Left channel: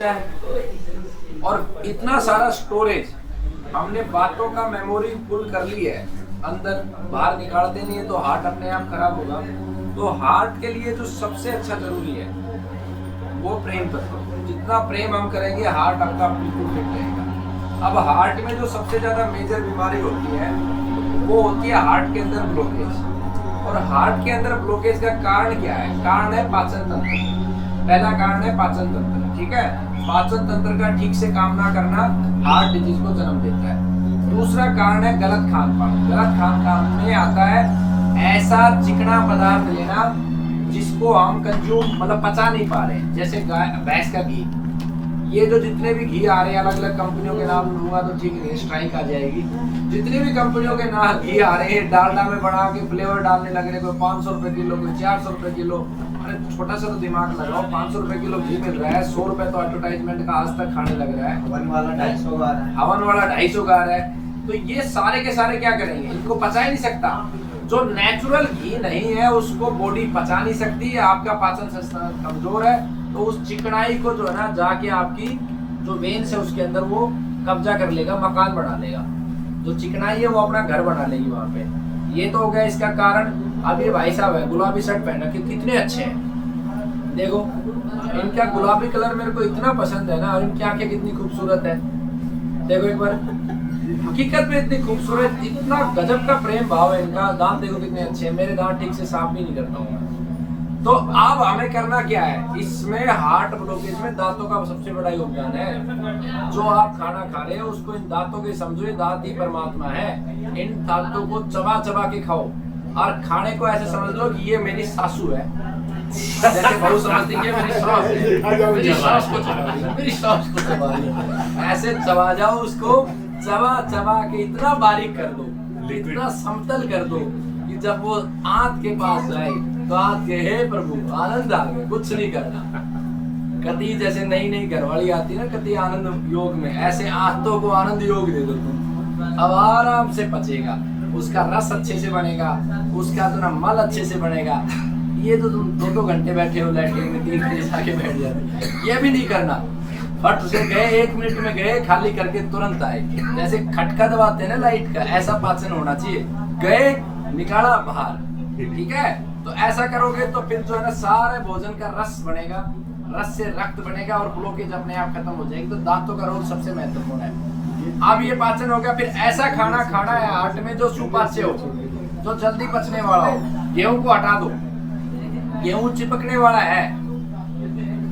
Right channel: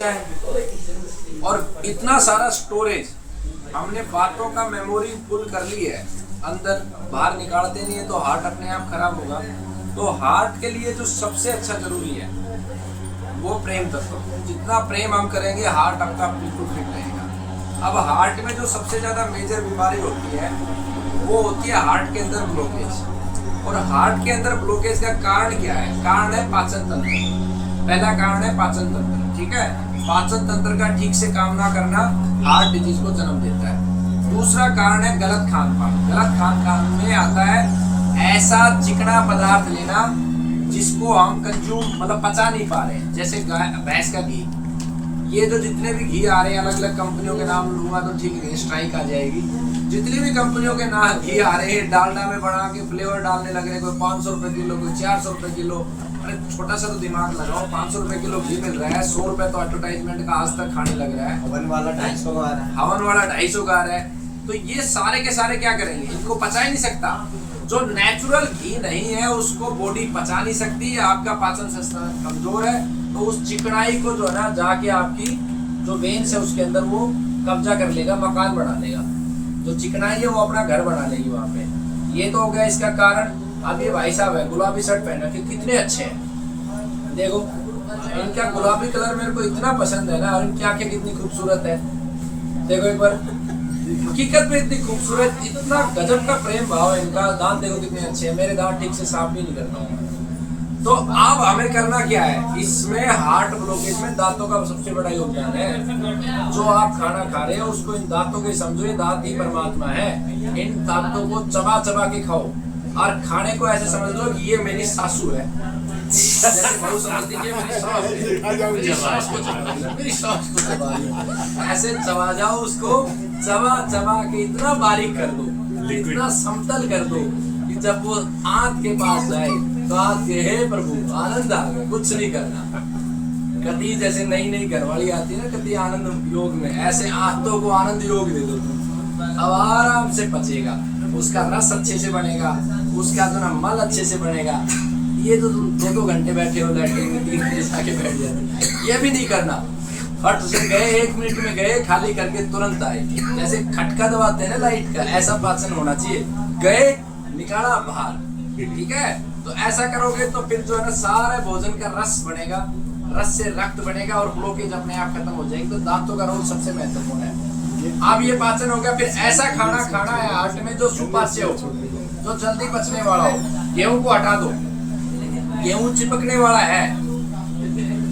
और इतना सारा स्टोरेज हमने बातों का मेमोरी फुल कर ली है, अंदर बाहर निकालते नहीं है तो हार्ट अपने आप खराब होगा। तो हार्ट के लिए जो सबसे अच्छा जरूरी है वो प्रेम तत्व। जितना प्रेम हम करेंगे हार्ट आपका बिल्कुल फिट रहेगा। अब हार्ट में जो सबसे ज्यादा मेजर बीमारी होती है वो होती है हार्ट के अंदर ब्लॉकेज। और हार्ट के अंदर ब्लॉकेज का कारण क्या है? कारण है पाचन तंत्र। पहला कारण है पाचन तंत्र, ठीक है। पाचन तंत्र का ठीक से काम ना करना हार्ट डिजीज को जन्म देता है। दूसरा कारण है गलत खान पान। गलत खान पान में आता है ऐसा चिकना पदार्थ लेना जिसको हम कंज्यूम मतलब पचा नहीं पा रहे, जैसे भैंस का घी। ये जो जितने भी घी आ रहे हैं, अलग अलग कंपनियों के नाम लूंगा तो ठीक नहीं, स्ट्राइक आ जाएगी। जितनी भी कंपनियों के नाम घी आ रहे हैं, डालडा में बना के फ्लेवर डालने लग रहे, कोई 500 रुपए किलो, कोई 400 रुपए किलो। अरे छोटा सा तो दिमाग लगाओ, 500 रुपए किलो घी मिल रहा है, 100 रुपए तो एडवर्टाइजमेंट का आज तक खाने लग रहा है। हवन वाला 250 का आ रहा है, हवन वाला 250 का आ रहा है। तो ये सारे के सारे क्या करेंगे? इनको पचा ही नहीं सकता। जो नेचुरल घी नहीं है उसको बॉडी पचा नहीं सकती है। आपका पाचन सिस्टम कमजोर है तो उस चिकनाई को जो है ना जाके आपकी जो वेन्स है उसके अंदर वो कब्जा कर लेगा, मकान बना लेगा। जो चिकनाई है वो अपना घर बना लेगी वहां पे। ये तो हो गया इसका कारण। अब ये भाई साहब है गुलाबी शर्ट पहन रखे, कितने अच्छे हैं देखो। इनका गुलाबी कलर मेरे को इतना पसंद है ना, और इनकी आंखें कितनी खूबसूरत है देखो एक बार। हकीकत में इतनी खूबसूरत, इतना गजब का प्रेम भाव है इनका। दांत देखो कितने अच्छे हैं, मेरे दांत ठीक से साफ भी नहीं करता हूँ। तो अब हमें करना क्या है? इसमें हार्ट ब्लॉकेज में दांतों का सबसे बड़ा योगदान है। जो आप खाना खा रहे हो उसको इन दांतों के समझो, ये दांत ही परमात्मा है। इन दांतों को चबा चबा के खाओ और खाने को ऐसे समझ लो कि ये मेरी सासू है, जैसे बहू समझती है मेरी सास है। मेरी सास को चबा लो, ऐसे चबा जाओ उसको, चबा चबा के इतना बारीक कर दो, इतना समतल कर दो कि जब वो आंत के पास जाए तो आंत के हे प्रभु आनंद आ गया, कुछ नहीं करना। कति जैसे नई नई घरवाली आती है ना, कति आनंद योग में, ऐसे आंतों को आनंद योग दे दो तुम, अब आराम से पचेगा, उसका रस अच्छे से बनेगा, उसका जो ना मल अच्छे से बनेगा। ये तो तुम 2-2 घंटे बैठे हो, लैट्रिन में 3 घंटे जाके बैठ जाते, ये भी नहीं करना। बट उसे गए 1 मिनट में गए, खाली करके तुरंत आए। जैसे खटका दबाते हैं ना लाइट का, ऐसा पाचन होना चाहिए। गए निकाला बाहर, ठीक है। तो ऐसा करोगे तो फिर जो है ना सारे भोजन का रस बनेगा, रस से रक्त बनेगा और ब्लॉकेज अपने आप खत्म हो जाएगी। तो दांतों का रोल सबसे महत्वपूर्ण है। अब ये पाचन हो गया। फिर ऐसा खाना खाना है हार्ट में जो सुपाच्य हो, जो जल्दी पचने वाला हो। गेहूं को हटा दो, गेहूं चिपकने वाला है।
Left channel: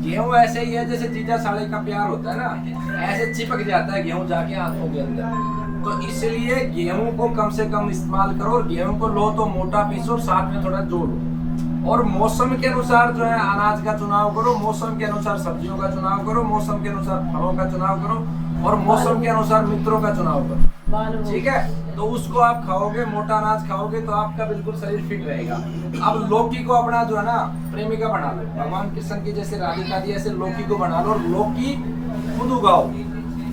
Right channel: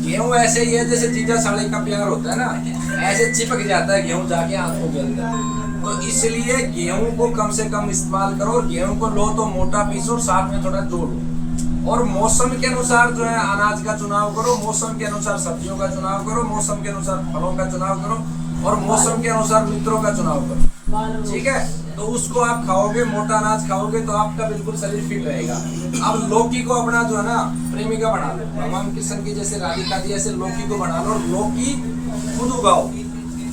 गेहूं ऐसे ही है जैसे जीजा साड़ी का प्यार होता है ना, ऐसे चिपक जाता है गेहूं जाके आंखों के अंदर। तो इसलिए गेहूं को कम से कम इस्तेमाल करो। गेहूं को लो तो मोटा पीसो, साथ में थोड़ा जोड़ो। और मौसम के अनुसार जो है अनाज का चुनाव करो, मौसम के अनुसार सब्जियों का चुनाव करो, मौसम के अनुसार फलों का चुनाव करो, और मौसम के अनुसार मित्रों का चुनाव करो, ठीक है। तो उसको आप खाओगे, मोटा अनाज खाओगे तो आपका बिल्कुल शरीर फिट रहेगा। अब लौकी को अपना जो है ना प्रेमिका बना लो। भगवान कृष्ण की जैसे राधिका दी, ऐसे लौकी को बना लो। लौकी खुद उगाओ।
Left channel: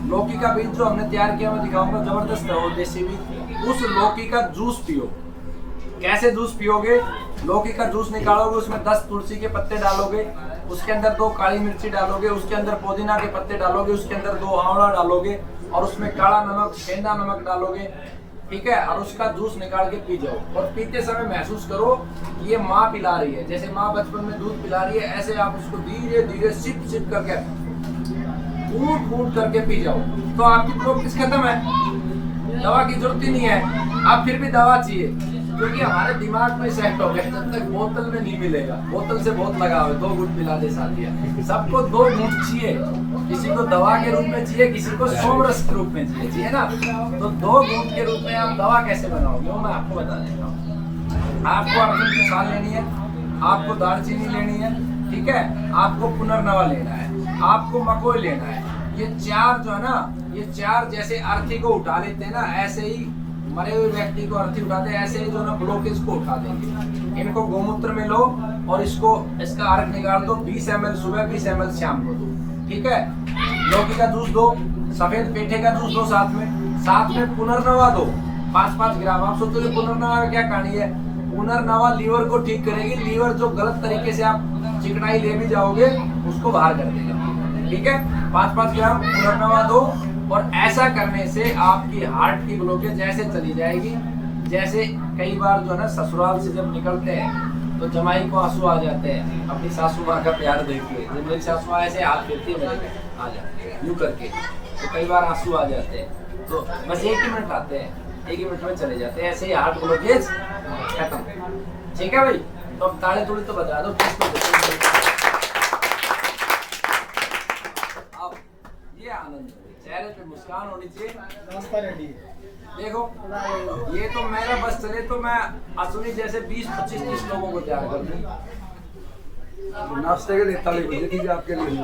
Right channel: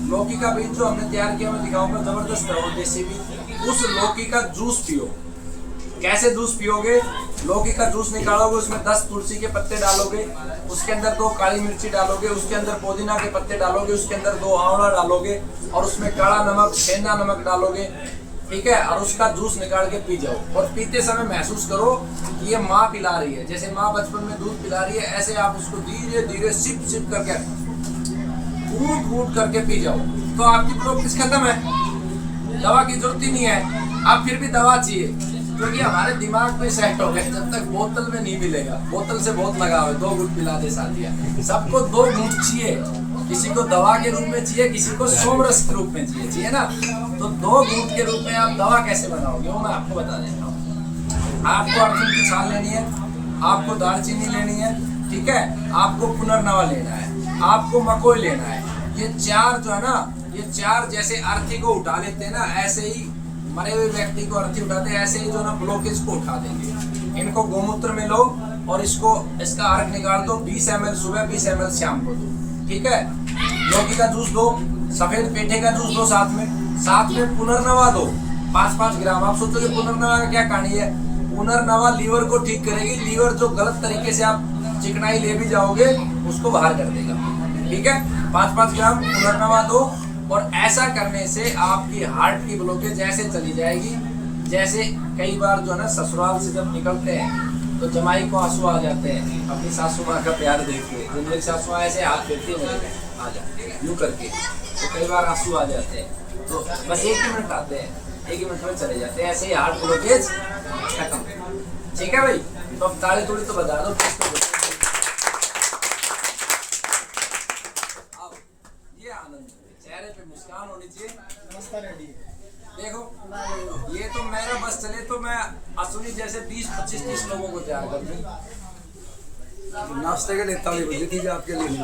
लौकी का बीज जो हमने तैयार किया मैं दिखाऊंगा, जबरदस्त है वो देसी बीज। उस लौकी का जूस पियो। कैसे जूस पियोगे? लौकी का जूस निकालोगे, उसमें 10 तुलसी के पत्ते डालोगे, उसके अंदर 2 काली मिर्ची डालोगे, उसके अंदर पुदीना के पत्ते डालोगे, उसके अंदर 2 आंवला डालोगे, और उसमें काला नमक, सेंधा नमक डालोगे, ठीक है। और उसका जूस निकाल के पी जाओ। और पीते समय महसूस करो कि ये माँ पिला रही है, जैसे माँ बचपन में दूध पिला रही है, ऐसे आप उसको धीरे धीरे सिप सिप करके घूट घूट करके पी जाओ। तो आपकी ब्लॉकेज खत्म है, दवा की जरूरत ही नहीं है। अब फिर भी दवा चाहिए क्योंकि हमारे दिमाग में सेट हो गया जब तक बोतल में नहीं मिलेगा। बोतल से बहुत लगाव है, 2 घूंट पिला दे साथिया। सबको 2 घूंट चाहिए, किसी को दवा के रूप में चाहिए, किसी को सोमरस के रूप में चाहिए ना। तो 2 घूंट के रूप में आप दवा कैसे बनाओगे वो मैं आपको बता देता हूँ। आपको अर्जुन की छाल लेनी है, आपको दालचीनी लेनी है, ठीक है। आपको पुनर्नवा लेना है, आपको मकोई लेना है। ये 4 जो है ना, ये 4 जैसे अर्थी को उठा लेते हैं ना, ऐसे ही मरे हुए व्यक्ति को अर्थी उठाते हैं, ऐसे ही जो ना ब्लॉकेज को उठा देंगे। इनको गोमूत्र में लो और इसका अर्क निकाल दो। 20 ml सुबह, 20 ml शाम को दो, ठीक है। लौकी का जूस दो, सफेद पेठे का जूस दो, साथ में पुनर्नवा दो 5-5 ग्राम। आप सोचोगे पुनर्नवा का क्या कहानी है? पुनर्नवा लीवर को ठीक करेगी। लीवर जो गलत तरीके से आप चिकनाई ले भी जाओगे उसको बाहर कर देगा। ठीक है, 5-5 ग्राम पुनर्नवा दो। और ऐसा करने से आपकी हार्ट की ब्लॉकेज ऐसे चली जाएगी। जैसे कई बार जो है ना ससुराल से जब निकलते हैं तो जमाई को आंसू आ जाते हैं अपनी सासू माँ का प्यार देखिए, जो मेरी सासू माँ ऐसे हाथ देती है मेरे पे आ जाते हैं यूँ करके, तो कई बार आंसू आ जाते हैं। तो बस 1 ही मिनट आते हैं, 1 ही मिनट में चले जाते हैं, ऐसे ही हार्ट ब्लॉकेज खत्म। ठीक है भाई, तो अब ताली तुली तो बता दो। अब ये आनंद, चेहरे पे मुस्कान होनी चाहिए। देखो ये तो मेरे बस चले तो मैं असुनी जैसे 20-25-30 लोगों को तैयार कर दूं। नाश्ते के लिए ताली बजी थी आपके लिए।